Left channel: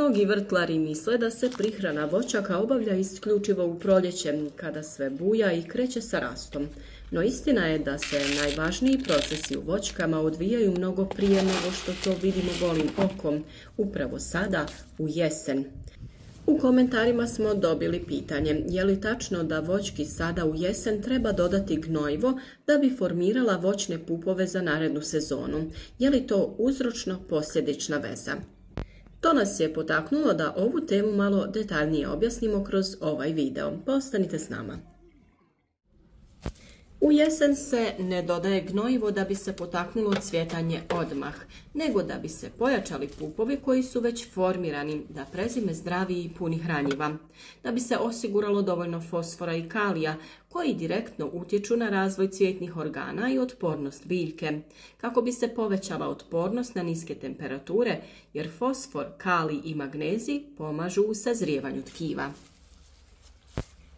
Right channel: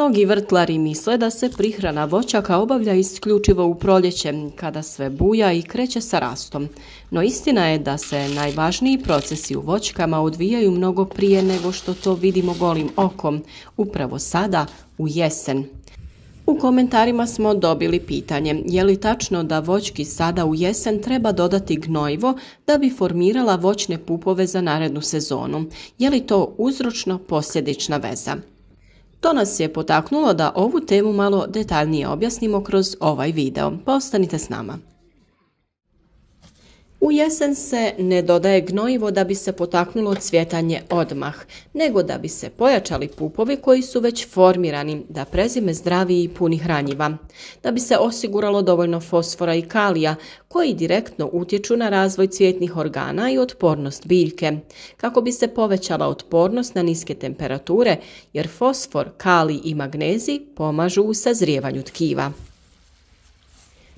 Mnogi vrtlari misle da se prihrana voćaka obavlja isključivo u proljeće, kada sve buja i kreće sa rastom. No istina je da se najvažniji procesi u voćkama odvijaju mnogo prije nego što to vidimo golim okom, upravo sada, u jesen. U komentarima smo dobili pitanje, je li tačno da voćki sada u jesen treba dodati gnojivo da bi formirala voćne pupove za narednu sezonu? Je li to uzročno-posljedična veza? To nas je potaknulo da ovu temu malo detaljnije objasnimo kroz ovaj video, pa ostanite s nama. U jesen se ne dodaje gnojivo da bi se potaknulo cvjetanje odmah, nego da bi se pojačali pupovi koji su već formirani, da prezime zdravi i puni hranjiva, da bi se osiguralo dovoljno fosfora i kalija koji direktno utječu na razvoj cvjetnih organa i otpornost biljke, kako bi se povećala otpornost na niske temperature, jer fosfor, kalij i magnezij pomažu u sazrijevanju tkiva.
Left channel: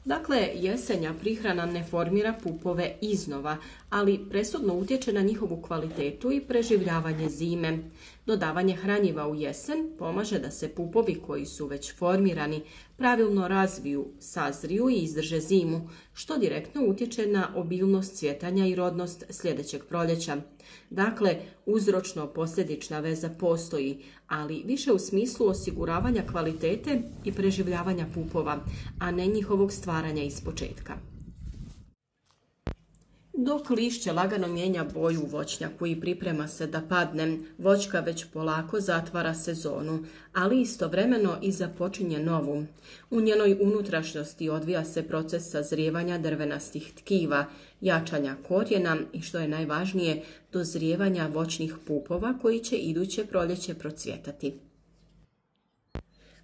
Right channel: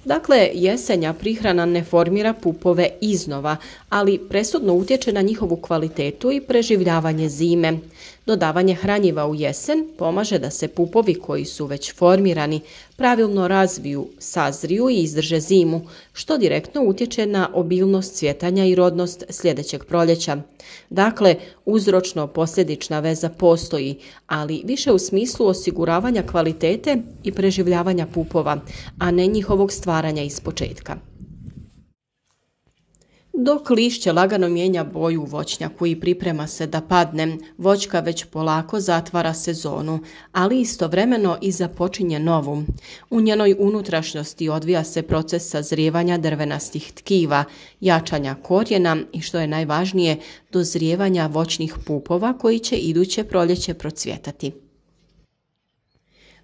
Dakle, jesenja prihrana ne formira pupove iznova, ali presudno utječe na njihovu kvalitetu i preživljavanje zime. Dodavanje hranjiva u jesen pomaže da se pupovi koji su već formirani pravilno razviju, sazriju i izdrže zimu, što direktno utječe na obilnost cvjetanja i rodnost sljedećeg proljeća. Dakle, uzročno-posljedična veza postoji, ali više u smislu osiguravanja kvalitete i preživljavanja pupova, a ne njihovog stvaranja ispočetka. Dok lišće lagano mijenja boju u voćnjaku i priprema se da padne, voćka već polako zatvara sezonu, ali istovremeno i započinje novu. U njenoj unutrašnjosti odvija se proces sazrijevanja drvenastih tkiva, jačanja korijena i, što je najvažnije, dozrijevanja voćnih pupova koji će iduće proljeće procvjetati.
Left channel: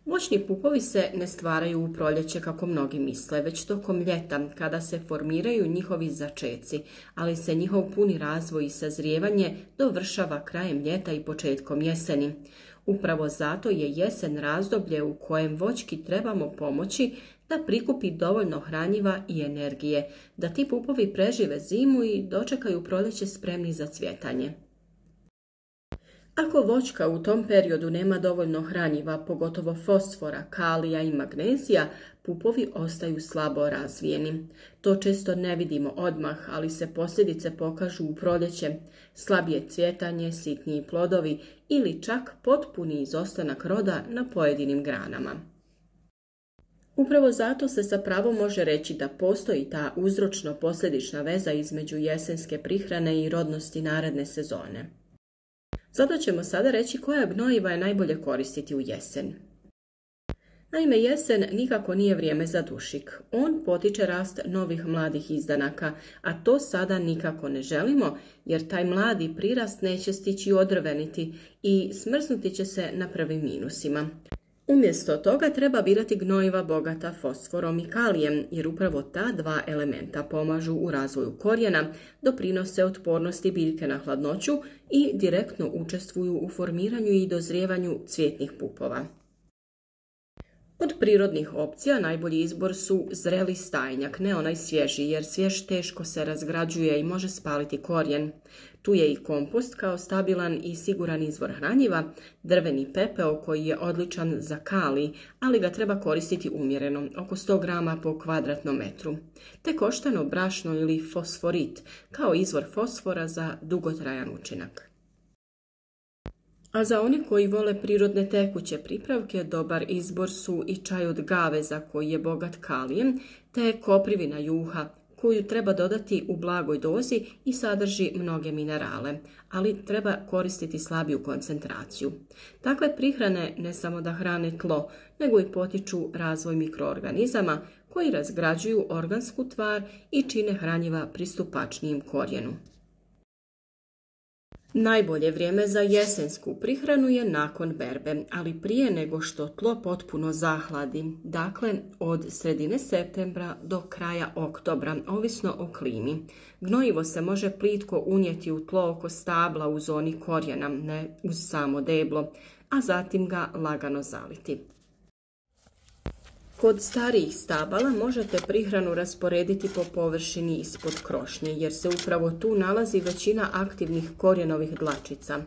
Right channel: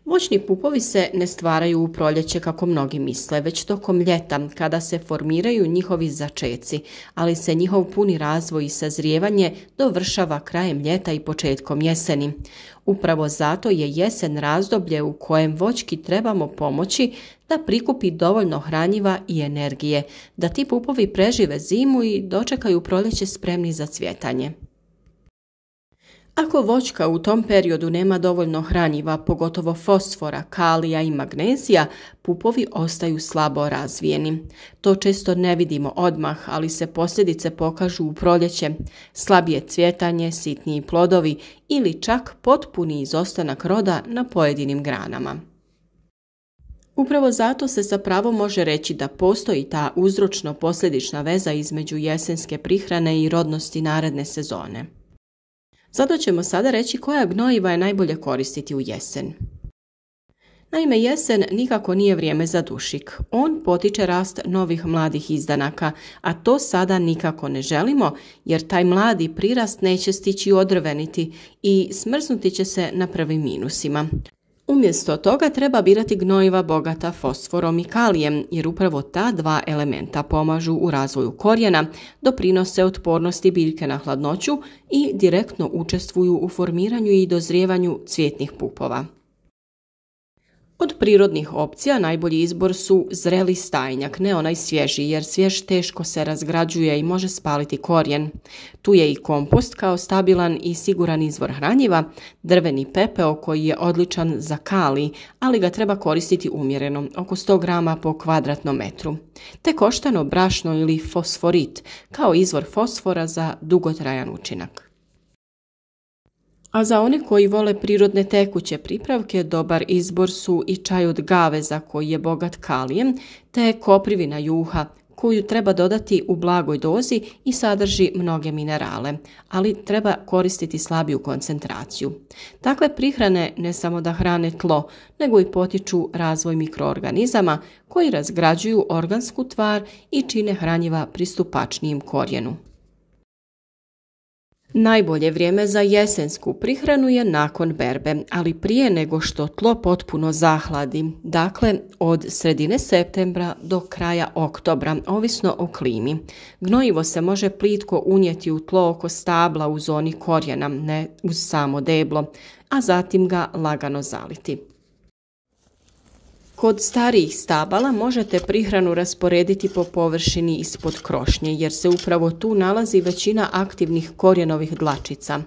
Voćni pupovi se ne stvaraju u proljeće kako mnogi misle, već tokom ljeta kada se formiraju njihovi začeci, ali se njihov puni razvoj i sazrijevanje dovršava krajem ljeta i početkom jeseni. Upravo zato je jesen razdoblje u kojem voćki trebamo pomoći da prikupi dovoljno hranjiva i energije, da ti pupovi prežive zimu i dočekaju proljeće spremni za cvjetanje. Ako voćka u tom periodu nema dovoljno hranjiva, pogotovo fosfora, kalija i magnezija, pupovi ostaju slabo razvijeni. To često ne vidimo odmah, ali se posljedice pokažu u proljeće: slabije cvjetanje, sitniji plodovi ili čak potpuni izostanak roda na pojedinim granama. Upravo zato se sa pravom može reći da postoji ta uzročno-posljedična veza između jesenske prihrane i rodnosti naredne sezone. Zato ćemo sada reći koja gnojiva je najbolje koristiti u jesen. Naime, jesen nikako nije vrijeme za dušik. On potiče rast novih mladih izdanaka, a to sada nikako ne želimo, jer taj mladi prirast neće stići odrveniti i smrznuti će se na prvim minusima. Umjesto toga treba birati gnojiva bogata fosforom i kalijem, jer upravo ta dva elementa pomažu u razvoju korijena, doprinose otpornosti biljke na hladnoću i direktno učestvuju u formiranju i dozrijevanju cvjetnih pupova. Od prirodnih opcija najbolji izbor su zreli stajnjak, ne onaj svježi, jer svjež teško se razgrađuje i može spaliti korijen. Tu je i kompost kao stabilan i siguran izvor hranjiva, drveni pepeo koji je odličan za kalij, ali ga treba koristiti umjereno, oko 100 grama po kvadratnom metru, te koštano brašno ili fosforit kao izvor fosfora za dugotrajan učinak. A za one koji vole prirodne tekuće pripravke, dobar izbor su i čaj od gaveza koji je bogat kalijem, te koprivina juha koju treba dodati u blagoj dozi i sadrži mnoge minerale, ali treba koristiti slabiju koncentraciju. Takve prihrane ne samo da hrane tlo, nego i potiču razvoj mikroorganizama koji razgrađuju organsku tvar i čine hranjiva pristupačnijim korijenu. Najbolje vrijeme za jesensku prihranu je nakon berbe, ali prije nego što tlo potpuno zahladi, dakle od sredine septembra do kraja oktobra, ovisno o klimi. Gnojivo se može plitko unijeti u tlo oko stabla u zoni korijena, ne uz samo deblo, a zatim ga lagano zaliti. Kod starijih stabala možete prihranu rasporediti po površini ispod krošnje, jer se upravo tu nalazi većina aktivnih korijenovih dlačica.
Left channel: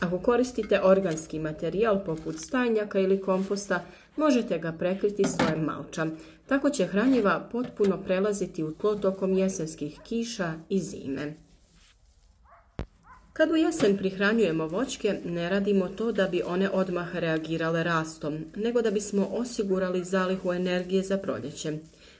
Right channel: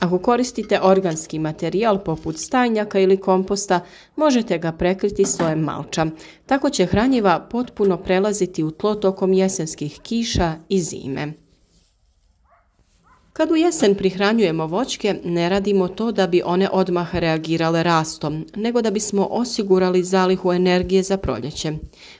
Ako koristite organski materijal poput stajnjaka ili komposta, možete ga prekriti slojem malča. Tako će hranjiva potpuno prelaziti u tlo tokom jesenskih kiša i zime. Kad u jesen prihranjujemo voćke, ne radimo to da bi one odmah reagirale rastom, nego da bismo osigurali zalihu energije za proljeće.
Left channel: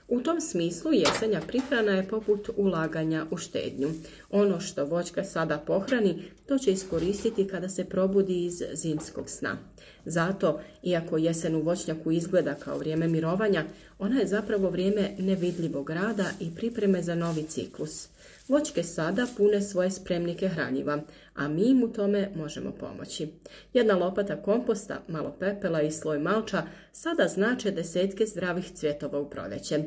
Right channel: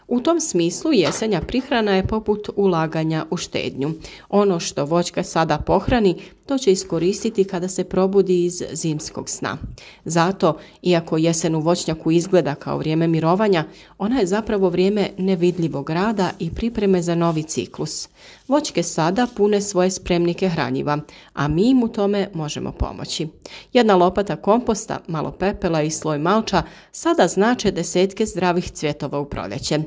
U tom smislu jesenja prihrana je poput ulaganja u štednju. Ono što voćka sada pohrani, to će iskoristiti kada se probudi iz zimskog sna. Zato, iako jesen u voćnjaku izgleda kao vrijeme mirovanja, ona je zapravo vrijeme nevidljivog rada i pripreme za novi ciklus. Voćke sada pune svoje spremnike hranjiva, a mi im u tome možemo pomoći. Jedna lopata komposta, malo pepela i sloj malča sada znače desetke zdravih cvjetova u proljeće.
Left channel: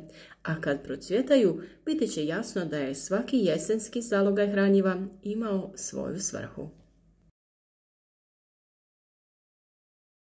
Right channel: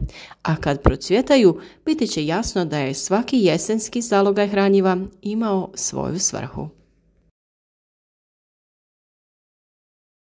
A kad procvjetaju, biti će jasno da je svaki jesenski zalogaj hranjiva imao svoju svrhu.